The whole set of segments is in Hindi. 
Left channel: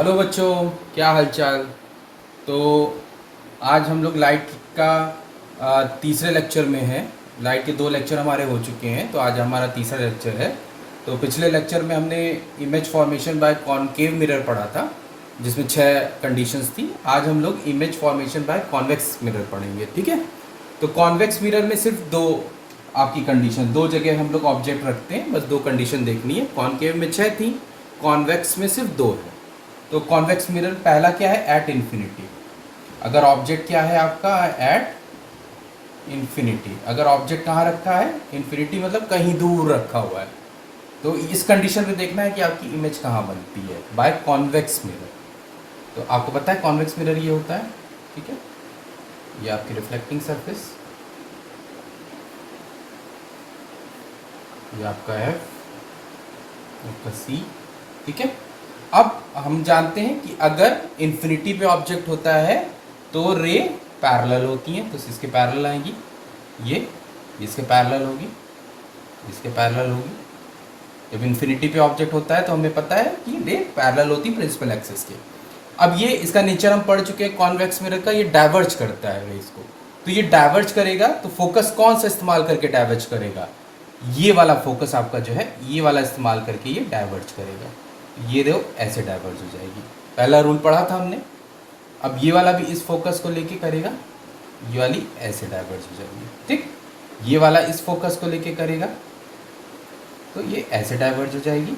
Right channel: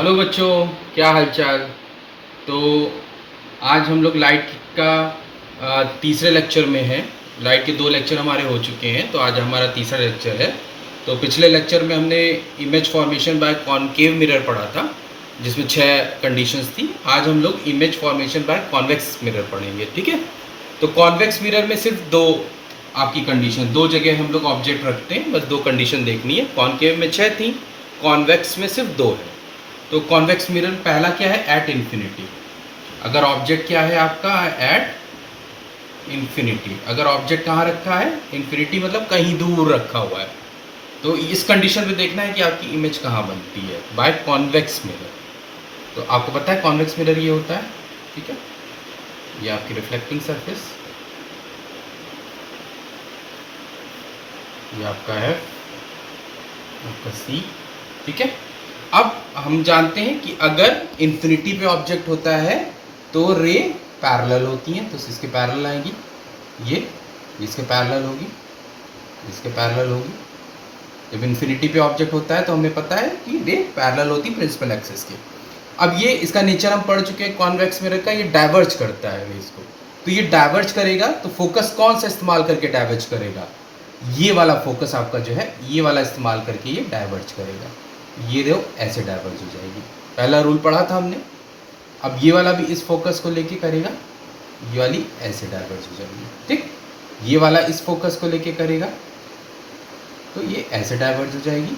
हेलो बच्चों, क्या हालचाल। तो आज हम लोग लाइट का तीसरे लेक्चर में हैं। लाइट के दो लेक्चर हमारे हो चुके हैं, तो आज हमारा तीसरा लेक्चर है। तो पिछले लेक्चर में हमने image formation by concave mirror पढ़ा था, जिसमें 6 कंडीशंस थी। आज हम लोग image formation by convex mirror पढ़ेंगे, ठीक है। तो कॉन्वेक्स मिरर में सिर्फ दो आपकी कंडीशन, दो जगह हम लोग ऑब्जेक्ट रखते हैं, बस दो कंडीशन देखनी है। कॉनकेव में 6 थी, कॉन्वेक्स में सिर्फ 2 है। तो कॉन्वेक्स मिरर पहला क्या है, एट इन्फिनिटी। अगर ऑब्जेक्ट क्या है आपका, एट इन्फिनिटी। अगर ऑब्जेक्ट कहाँ रखा है, इन्फिनिटी मतलब कहीं दूर रखा हुआ है। तो इस कंडीशन में देखना है कि आपकी इमेज कहाँ बनती है, बाय कॉन्वेक्स मिरर। तो आपको पता है कॉन्वेक्स मिरर ये होता है, ठीक है। ये आपकी रिफ्लेक्टिंग सरफेस, ये आपका एफ, आपका सी, ठीक है। अब हम जानते हैं कि अगर इन्फिनिटी पे ऑब्जेक्ट होता है तो रे पैरेलल होती हैं, तो इसके पैरेलल आएगी, ये इसके पैरेलल होगी, इसके पैरेलल होगी। जब इन्फिनिटी पे ऑब्जेक्ट होता है तो हमें पता है कि रे पैरेलल होती है प्रिंसिपल एक्सिस के। अब ये इसका नेचर हम पढ़ चुके हैं कॉन्वेक्स मिरर का, ये डाइवर्ज करता है रेज को। तो ये डाइवर्ज करेगा, तो फोकस कौन सा इस्तेमाल करके डाइवर्ज करेगा, ये वाला फोकस आपका जो है, ये वाला इस्तेमाल करके ये डाइवर्ज करेगा। ये देखो ऐसे डाइवर्ज हो जाएगी। पहला रूल पढ़ा था हमने। अब ये वाला भी इस फोकस को लेके करेगा, ये वाली ऐसे डाइवर्ज हो जाएगी, ठीक। ये वाला इस फोकस को लेके करेगा तो ये ऐसे डाइवर्ज हो जाएगी,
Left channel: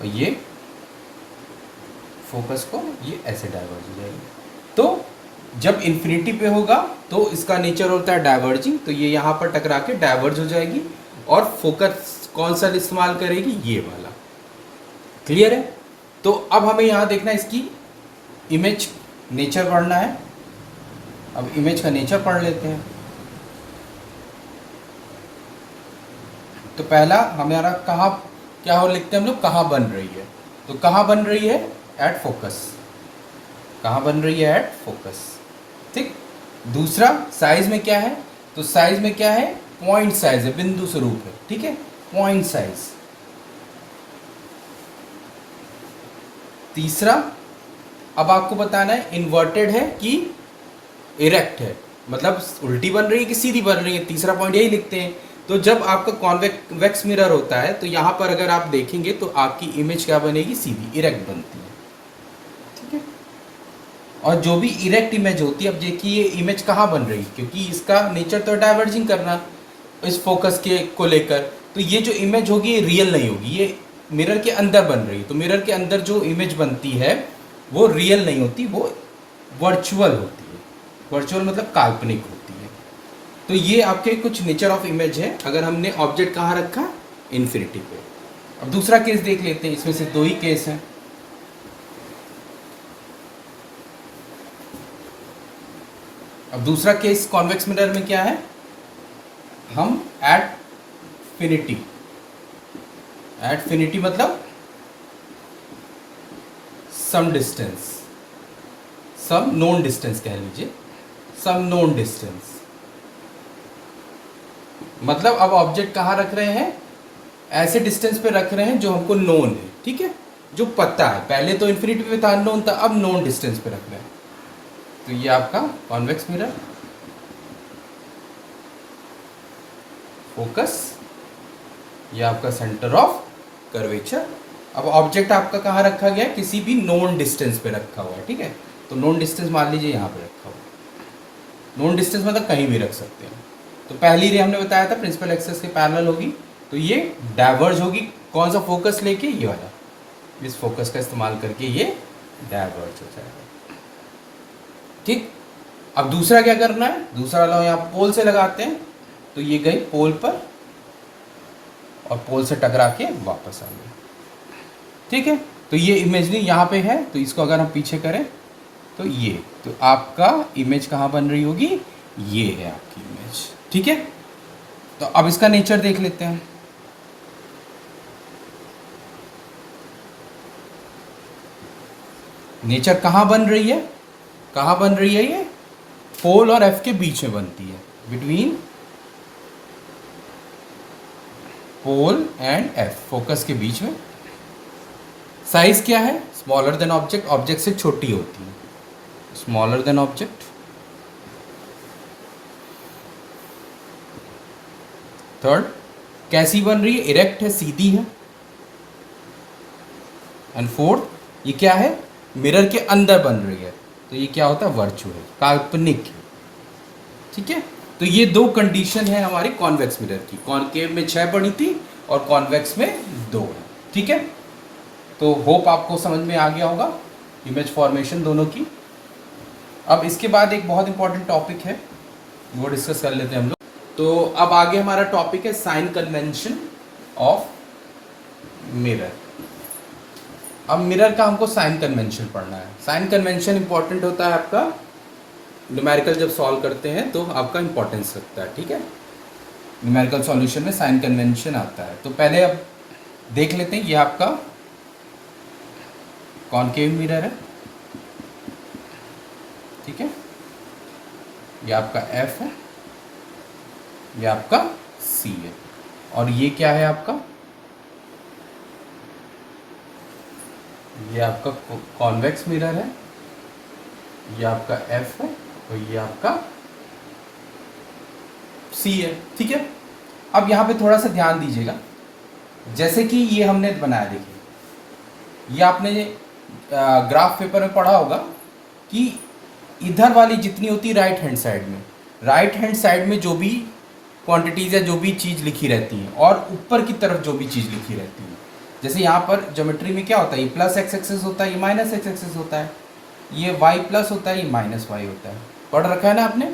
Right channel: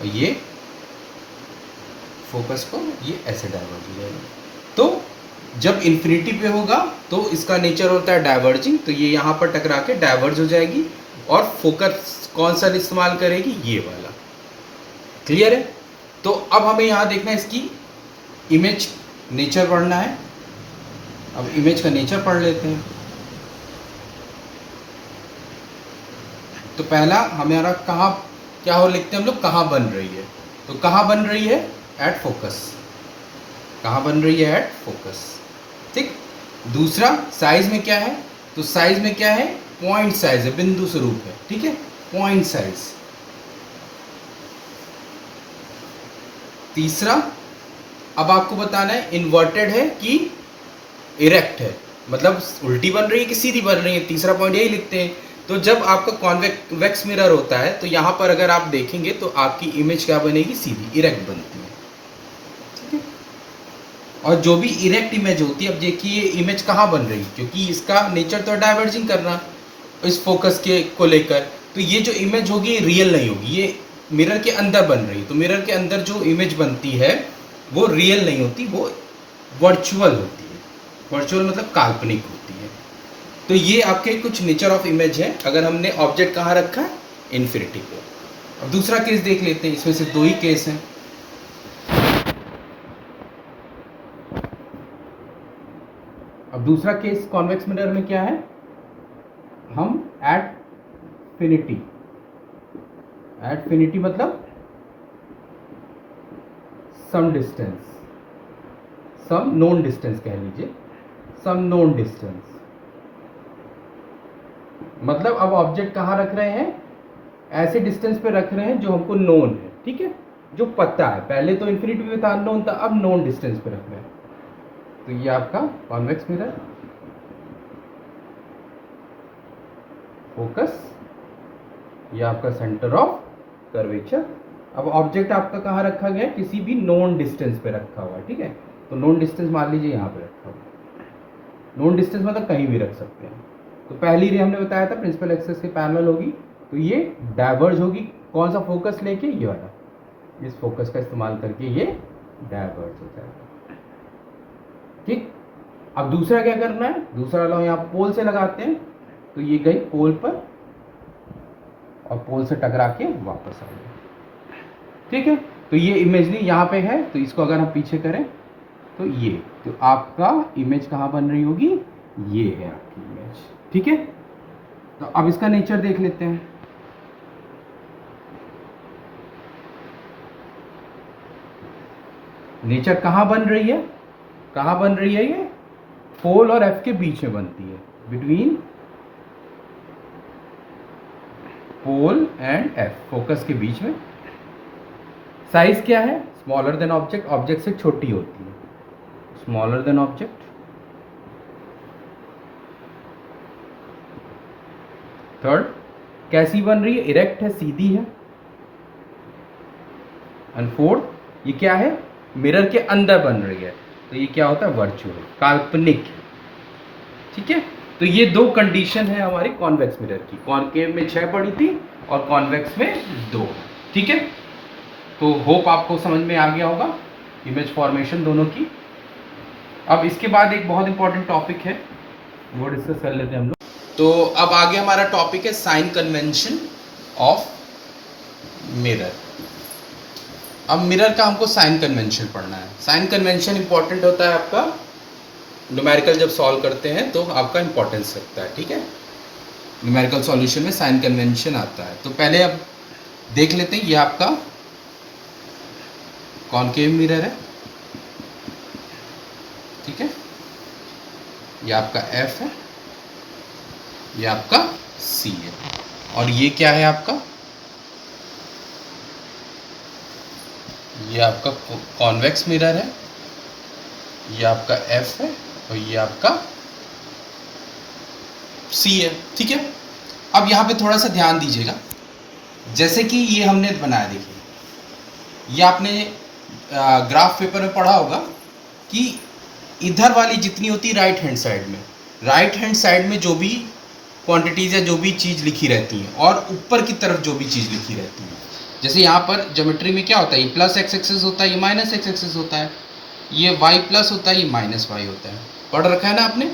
और ये फोकस को ये ऐसे डाइवर्ज हो जाएगी। तो जब इन्फिनिटी पे होगा तो इसका नेचर होता है डाइवर्जिंग, तो ये यहाँ पर टकरा के डाइवर्ज हो जाएगी, और फोकस कौन सा इस्तेमाल करेगी, ये वाला। क्लियर है। तो अब हमें यहाँ देखना है इसकी इमेज नेचर पढ़ना है। अब इमेज का नेचर पढ़ लेते हैं। तो पहला हमारा कहाँ क्या हो लिखते हैं हम लोग, कहाँ बन रही है। तो कहाँ बन रही है, एट फोकस। कहाँ बन रही है, एट फोकस, ठीक। दूसरा साइज में क्या है, तो साइज में क्या है, पॉइंट साइज है, बिंदु स्वरूप है, ठीक है, पॉइंट साइज। तीसरा, अब आपको बताना है इन्वर्टेड है कि इरेक्ट है, मतलब उल्टी बन रही है कि सीधी बन रही है। तीसरा पॉइंट यही लिखते हैं। तो जब आपका कॉन्वेक्स मिरर होता है तो यहाँ पर अगर आप देखेंगे तो आपकी इमेज क्या बनेगी, सीधी इरेक्ट बनती है, ठीक है। और जो भी इरेक्ट इमेज होती है, अब देखिए ये इमेज कहाँ बन रही है, क्योंकि इसका नेचर तो डाइवर्जिंग करना इस फोकस के को लेकर। तो ये जो इमेज होगी ये रियल नहीं होगी, ये मिरर के अंदर बन रही है। तो मिरर के अंदर जो इमेज बनती है वो रियल नहीं होती, वो वर्चुअल होती है। वर्चुअल मतलब काल्पनिक होती है। तो ये आपके कुछ नेचर ऑफ इमेज है, अगर हमने ऑब्जेक्ट कहाँ रखा है, इन्फिनिटी पे। अब दूसरा केस देख लेते हैं, इसमें सिर्फ 2 ही केस हैं। अब दूसरा केस कॉन्वेक्स मिरर में क्या है, हम एट फिनिटी, एट फिनिटी मतलब some distance, some known distance कह लीजिए, सम नोन डिस्टेंस। मतलब अब ऑब्जेक्ट कहाँ रख रहे हैं, ऐसे डिस्टेंस पे रख रहे हैं जो हमको नोन है, ठीक है, जो पता है। पहले तो इन्फिनिटी पे था, अननोन था, अब नोन डिस्टेंस पे रख रहे हैं। तो ये आपका कॉन्वेक्स मिरर, फोकस, ये आपका सेंटर ऑफ कर्वेचर। अब ऑब्जेक्ट आपका कहाँ रखा गया है, किसी भी नोन डिस्टेंस पे रखा हुआ है, ठीक है। तो नोन डिस्टेंस मान लीजिए यहाँ पे रखा हुआ है। नोन डिस्टेंस मतलब कहीं भी रख सकते हैं। तो पहली रे हमने बताया था प्रिंसिपल एक्सिस के पैरेलल होगी, तो ये डाइवर्ज होगी, कौन सा फोकस लेके, ये वाला, इस फोकस का इस्तेमाल करके ये डाइवर्ज हो जाएगा, ठीक। अब दूसरा क्या करना है, दूसरा वाला यहाँ पोल से लगाते हैं, तो ये गई पोल पर और पोल से टकरा के वापस आ गई, ठीक है। तो ये इमेजरी यहाँ पे है, तो इसको अगर हम पीछे करें तो ये, तो आपका इमेज कहाँ बन रही होगी, ये है आपकी इमेज, ठीक है। तो अब इसका नेचर देख लेते हैं। नेचर कहाँ बन रही है, कहाँ बन रही है, ये पोल और एफ के बीच में बनती है, between pole and F, focus के बीच में साइज क्या है? स्मॉलर देन ऑब्जेक्ट, ऑब्जेक्ट से छोटी होती है, स्मॉलर देन ऑब्जेक्ट। थर्ड, कैसी बन रही है? इरेक्ट है, सीधी है। एंड फोर्थ, ये क्या है? मिरर के अंदर बन रही है, तो ये क्या होता है? वर्चुअल, काल्पनिक है। ठीक है, तो ये दो कंडीशन है हमारी कॉन्वेक्स मिरर की। कॉनकेव में 6 पड़ी थी और कॉन्वेक्स में 2। ठीक है, तो होप आपको समझ में आ गया होगा इमेज फॉर्मेशन दोनों की। अब इसके बाद एक बहुत इंपॉर्टेंट टॉपिक है, वो डिस्कस कर लेते हैं हम लोग। तो अब आगे हमारा टॉपिक है साइन कन्वेंशन ऑफ मिरर। अब मिरर का हमको साइन कन्वेंशन पढ़ना है। साइन कन्वेंशन इंपॉर्टेंट होता है आपका न्यूमेरिकल जब सॉल्व करते हैं तो आपका इंपॉर्टेंस रखता है। ठीक है, न्यूमेरिकल सॉल्यूशन में साइन कन्वेंशन आता है। तो पहले अब देख लेते हैं, ये आपका कॉनकेव मिरर है। ठीक है, ये आपका F है, ये आपका C है, और ये क्या है आपका? ये आपका कॉन्वेक्स मिरर है, ये आपका F है और ये आपका C है। ठीक है, अब यहाँ पे थोड़ा सा ध्यान दीजिएगा। जैसे कि ये हमने बनाया, देखिए ये आपने ग्राफ पेपर में पढ़ा होगा कि इधर वाली जितनी होती है राइट हैंड साइड में, राइट हैंड साइड में जो भी क्वांटिटीज़ या जो भी चीज़ लिखी रहती हैं और ऊपर की तरफ जो भी चीज़ लिखी रहती है, जैसे यहाँ पर ज्योमेट्री में क्या होता है? ये प्लस एक्स एक्सेस होता है, ये माइनस एक्स एक्सेस होता है, ये वाई प्लस होता है, ये माइनस वाई होता है। पढ़ रखा है ना आपने?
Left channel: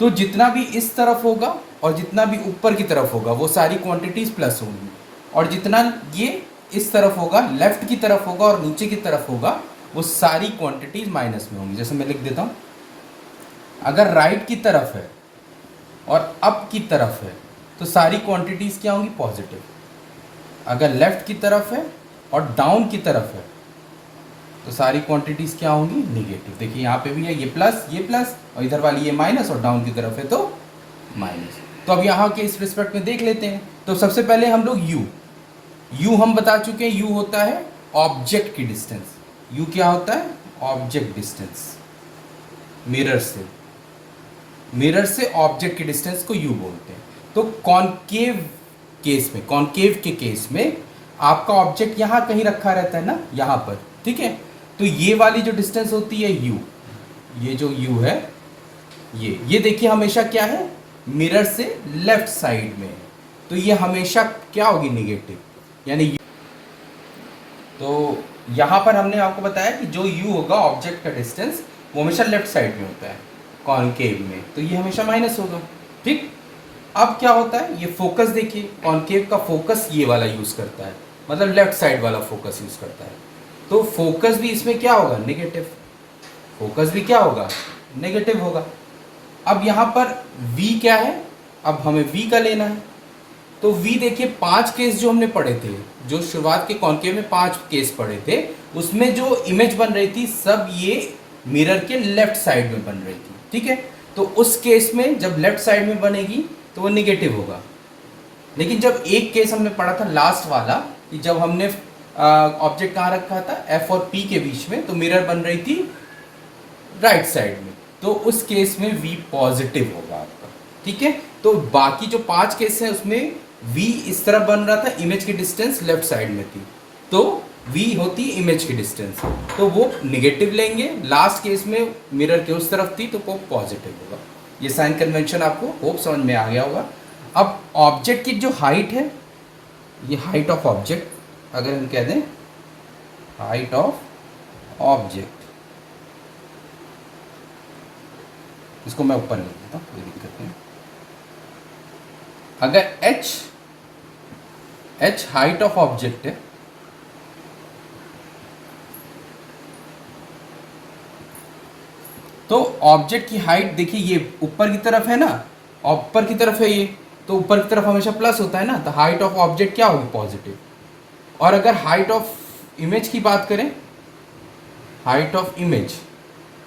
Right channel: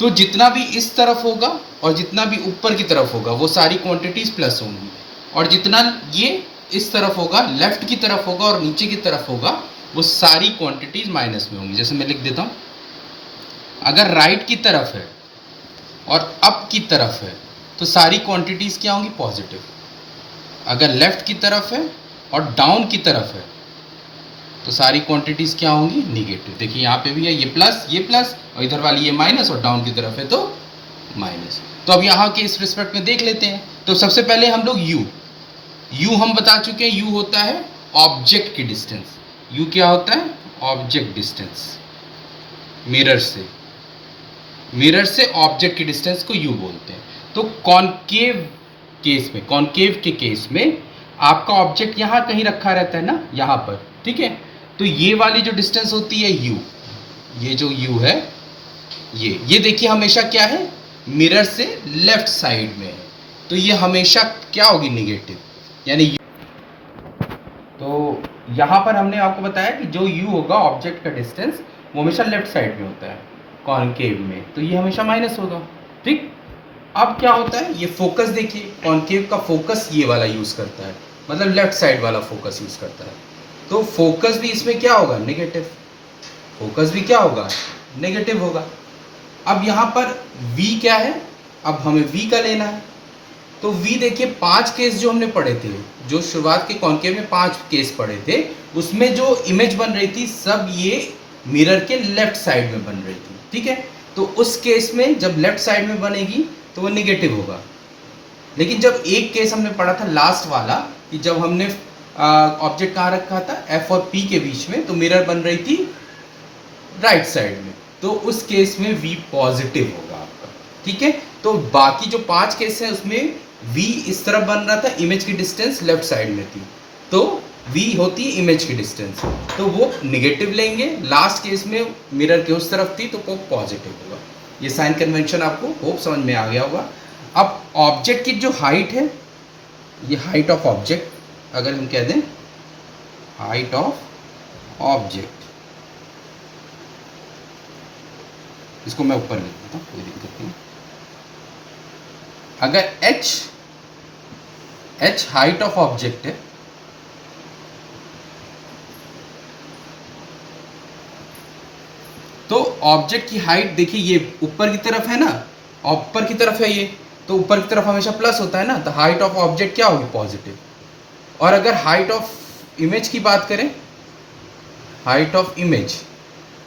तो जितना भी इस तरफ होगा और जितना भी ऊपर की तरफ होगा वो सारी क्वांटिटीज़ प्लस होंगी, और जितना ये इस तरफ होगा, लेफ्ट की तरफ होगा और नीचे की तरफ होगा, वो सारी क्वांटिटीज़ माइनस में होंगी। जैसे मैं लिख देता हूँ, अगर राइट की तरफ है और अप की तरफ है तो सारी क्वांटिटीज़ क्या होंगी? पॉजिटिव। अगर लेफ़्ट की तरफ है और डाउन की तरफ है तो सारी क्वांटिटीज़ क्या होंगी? निगेटिव। देखिए यहाँ पे भी है, ये प्लस और इधर वाली ये माइनस, और डाउन की तरफ है तो माइनस। तो अब यहाँ के इस रिस्पेक्ट में देख लेते हैं। तो सबसे पहले हम लोग यू हम बता चुके हैं, यू होता है ऑब्जेक्ट की डिस्टेंस। यू क्या होता है? Object distance. मिरर से ऑब्जेक्ट की डिस्टेंस को यू बोलते हैं। तो कॉनकेव के केस में आपका ऑब्जेक्ट यहाँ कहीं रखा रहता है ना, यहाँ पर। ठीक है, तो ये वाली जो डिस्टेंस होती है यू, ये जो यू है, ये देखिए हमेशा क्या है? मिरर से लेफ्ट साइड में है, तो ये हमेशा क्या होगी? निगेटिव, यानी तो यहाँ पर हमने आपको बताया कि जो u होगा ऑब्जेक्ट का डिस्टेंस, वो हमेशा लेफ्ट साइड में होता है कॉनकेव में, तो ये हमेशा माइनस होगा। ठीक, अब क्या होता है? ये फोकस देखिए, कॉनकेव का फोकस ये वाला यूज़ करता है, मतलब लेफ्ट साइड वाला फोकस यूज़ करता है, तो फोकस भी इसमें क्या होगा? नेगेटिव। फोकस भी क्या होगा? नेगेटिव होगा। अब यहाँ पर v क्या है? अब हमें v का लेना है, तो v देखिए 5 केस जो हमने पढ़े थे, जो शुरुआत के कॉनकेव में 5 केस पढ़े थे, उसमें जो इमेज बन रही थी सब ये मिरर के लेफ्ट साइड में बन रही थी। ठीक है, तो उस केस में जब लेफ्ट साइड में बनेगी तो वो निगेटिव होगा। लेकिन जब एक केस हमने पढ़ा था लास्ट वाला, कि जब हमने ऑब्जेक्ट कहाँ रखा था? F और P के बीच में, तो मिरर बन रही थी राइट साइड में, तो उस केस में v पॉजिटिव होगा आपका। ठीक है, तो बाकी जो 5 केस हैं उसमें v इस तरफ बन रहा था, इमेज की डिस्टेंस लेफ्ट साइड में थी, तो v होती है इमेज की डिस्टेंस, तो वो निगेटिव लेंगे। लास्ट केस में मिरर के उस तरफ थी तो वो पॉजिटिव होगा। ये साइन कन्वेंशन आपको होप समझ में आ गया होगा। अब ऑब्जेक्ट की जो हाइट है, ये हाइट ऑफ ऑब्जेक्ट, अगर हम कह दें हाइट ऑफ ऑब्जेक्ट, इसको मैं ऊपर लिख देता हूँ, कोई दिक्कत नहीं। अगर h हाइट ऑफ ऑब्जेक्ट है, तो ऑब्जेक्ट की हाइट देखिए, ये ऊपर की तरफ है ना, ऊपर की तरफ है ये, तो ऊपर की तरफ हमेशा प्लस होता है ना, तो हाइट ऑफ ऑब्जेक्ट क्या होगी? पॉजिटिव। और अगर हाइट ऑफ इमेज की बात करें, हाइट ऑफ इमेज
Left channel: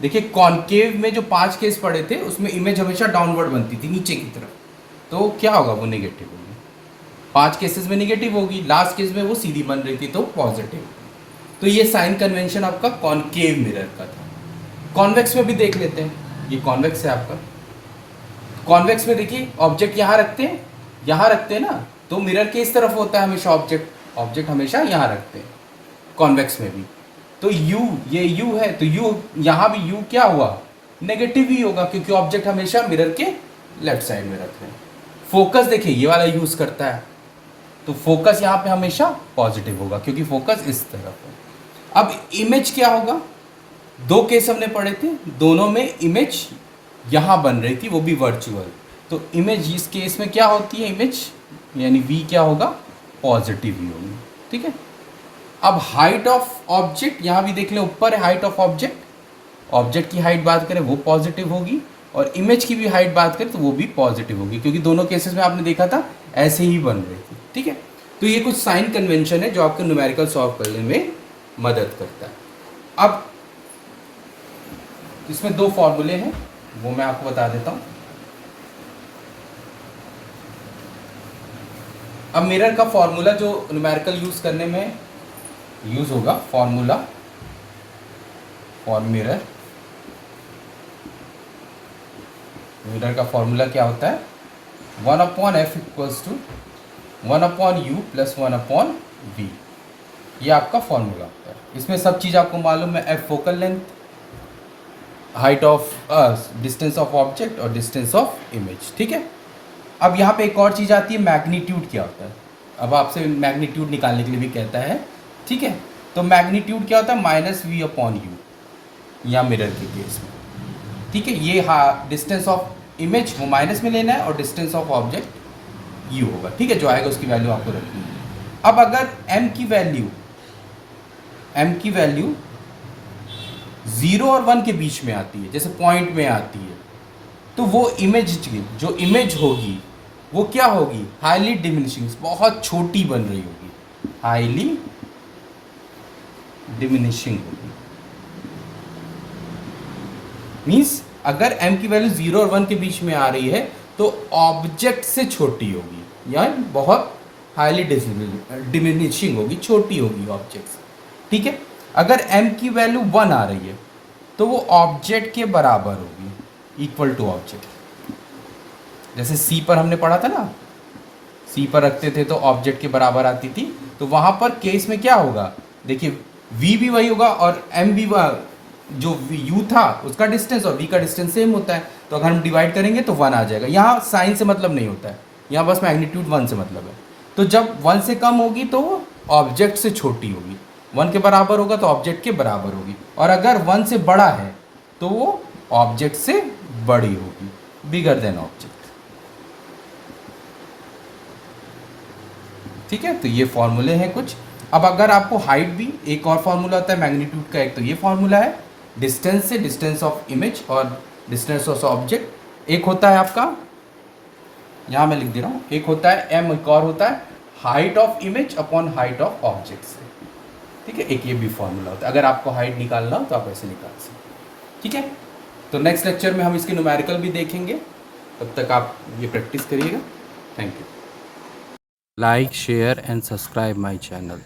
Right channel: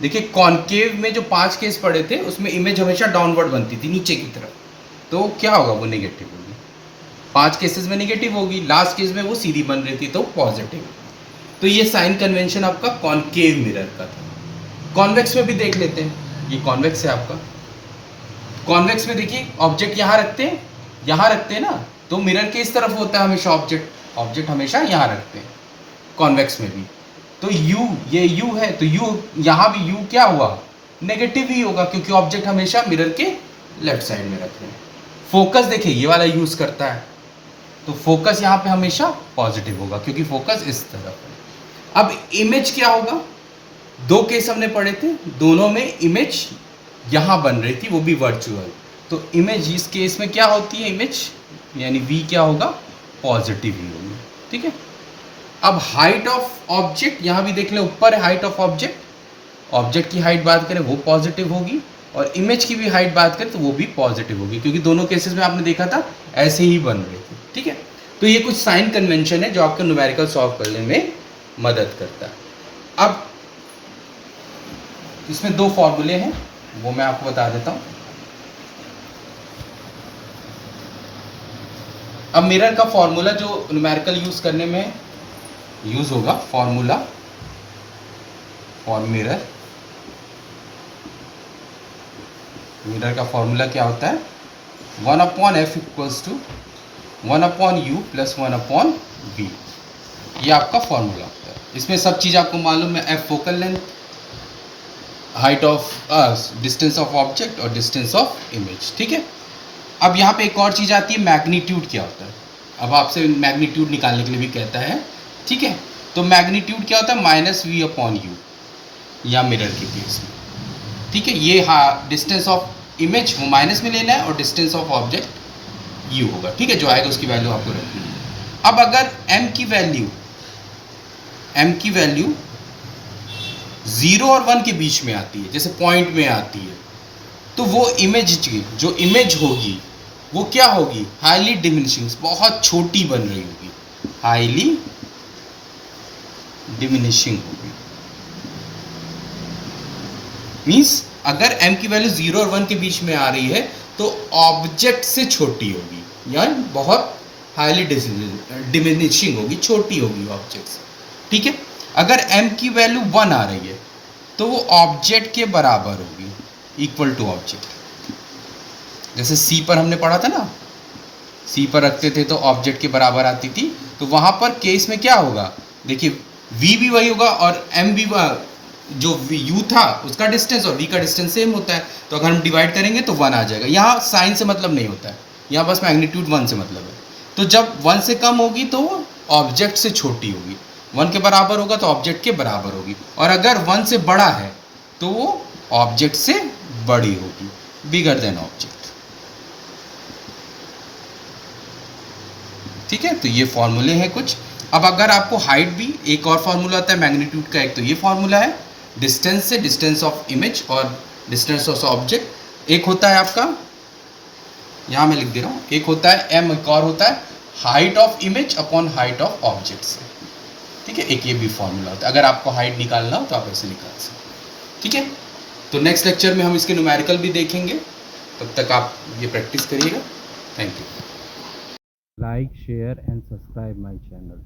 देखिए कॉनकेव में जो 5 केस पड़े थे उसमें इमेज हमेशा डाउनवर्ड बनती थी, नीचे की तरफ, तो क्या होगा? वो नेगेटिव होगी। 5 केसेस में नेगेटिव होगी, लास्ट केस में वो सीधी बन रही थी तो पॉजिटिव। तो ये साइन कन्वेंशन आपका कॉनकेव मिरर का था। कॉन्वेक्स में भी देख लेते हैं, ये कॉन्वेक्स है आपका। कॉन्वेक्स में देखिए ऑब्जेक्ट यहाँ रखते हैं, यहाँ रखते हैं ना, तो मिरर के इस तरफ होता है हमेशा ऑब्जेक्ट, ऑब्जेक्ट हमेशा यहाँ रखते हैं कॉन्वेक्स में भी। तो u, ये u है, तो u यहाँ भी u क्या हुआ, नेगेटिव ही होगा, क्योंकि ऑब्जेक्ट हमेशा मिरर के लेफ्ट साइड में रख रहे हैं। फोकस देखिए ये वाला यूज करता है, तो फोकस यहाँ पे हमेशा पॉजिटिव होगा क्योंकि फोकस इस तरफ है। अब इमेज क्या होगा, दो केस हमने पढ़े थे, दोनों में इमेज यहाँ बन रही थी, वो भी वर्चुअल। तो इमेज इस केस में क्या होती है, इमेज यानी v क्या होगा, पॉजिटिव ही होगी, ठीक है। अब हाइट ऑफ ऑब्जेक्ट यहाँ भी देख लें, ऊपर है हाइट ऑफ ऑब्जेक्ट, ऑब्जेक्ट की हाइट बात करें वो पॉजिटिव होगी, और इमेज की भी हाइट बात करें तो वो भी पॉजिटिव होगी, क्योंकि दोनों केसेस में आपने देखा था ऐसे ही बन रही थी, ठीक है। तो ये कुछ साइन कन्वेंशन है जो आपको न्यूमेरिकल सॉल्व करने में मदद करता है। अब इसमें दो फॉर्मूले हैं, वो मैं आपको बता देता हूँ। अब मिरर का फॉर्मूला जो न्यूमेरिकल यूज करने में यूज होगा, फॉर्मूला फॉर मिरर, मिरर का फॉर्मूला क्या होता है, 1/f equals to 1/u plus 1/v, ये आपका फॉर्मूला होता है। इसमें सब चीज़ आपको मालूम है, f focal length, height of distance of object और डिस्टेंस ऑफ इमेज, ठीक है। अब यहाँ पे एक और चीज़ आती है, मैग्नीट्यूड क्या होता है। अब आपसे मैग्नीट्यूड निकालने के लिए भी कहता है, ठीक है। तो मैग्नीट्यूड क्या होता है, -v/u, या मिरर के केस में, ठीक है। ये हाँ डिस्टेंस ऑफ इमेज वो माइनस में लेना है और डिस्टेंस ऑफ ऑब्जेक्ट u होगा, ठीक है। जो आएगा उसकी वैल्यू आपको रखनी है। अब अगर m की वैल्यू 0 और 1 के बीच में आती है, जैसे पॉइंट में आती है, तो वो इमेज की जो इमेज होगी वो क्या होगी, हाईली डिमिनिशिंग, बहुत छोटी बन रही होगी, हाईली डिमिनिशिंग होगी। मीन्स अगर m की वैल्यू 0 और 1 के बीच में आ रही है तो ऑब्जेक्ट से छोटी होगी, या बहुत हाईली डिमिनिशिंग होगी, छोटी होगी ऑब्जेक्ट से, ठीक है। अगर m की वैल्यू 1 आ रही है तो वो ऑब्जेक्ट के बराबर होगी, इक्वल टू ऑब्जेक्ट। जैसे c पर हमने पढ़ा था ना, c पर रखते थे तो ऑब्जेक्ट के बराबर आती थी, तो वहाँ पर केस में क्या होगा, देखिए v भी वही होगा और m भी जो u था उसका डिस्टेंस और v का डिस्टेंस सेम होता है, तो अगर हम डिवाइड करेंगे तो 1 आ जाएगा। यहाँ साइन से मतलब नहीं होता है, यहाँ बस मैग्नीट्यूड 1 से मतलब है। तो जब 1 से कम होगी तो वो ऑब्जेक्ट से छोटी होगी, 1 के बराबर होगा तो ऑब्जेक्ट के बराबर होगी, और अगर 1 से बड़ा है तो वो ऑब्जेक्ट से बड़ी होगी, बिगर देन ऑब्जेक्ट, ठीक है। तो ये फॉर्मूले हैं कुछ। अब अगर आपको हाइट भी, एक और फॉर्मूला होता है मैग्नीट्यूड का, एक तो ये फॉर्मूला है डिस्टेंस से, डिस्टेंस ऑफ इमेज और डिस्टेंस ऑफ ऑब्जेक्ट। एक होता है आपका, यहाँ मैं लिख दे रहा हूँ, एक होता है m, एक और होता है height of image upon height of object से, ठीक है। एक ये भी फॉर्मूला होता है, अगर आपको हाइट निकालना हो तो आप ऐसे निकाल सकते, ठीक है। तो नेक्स्ट लेक्चर में हम इसके न्यूमेरिकल भी देखेंगे, तब तक आप ये प्रैक्टिस करिएगा। Thank you. Like, share and subscribe my channel.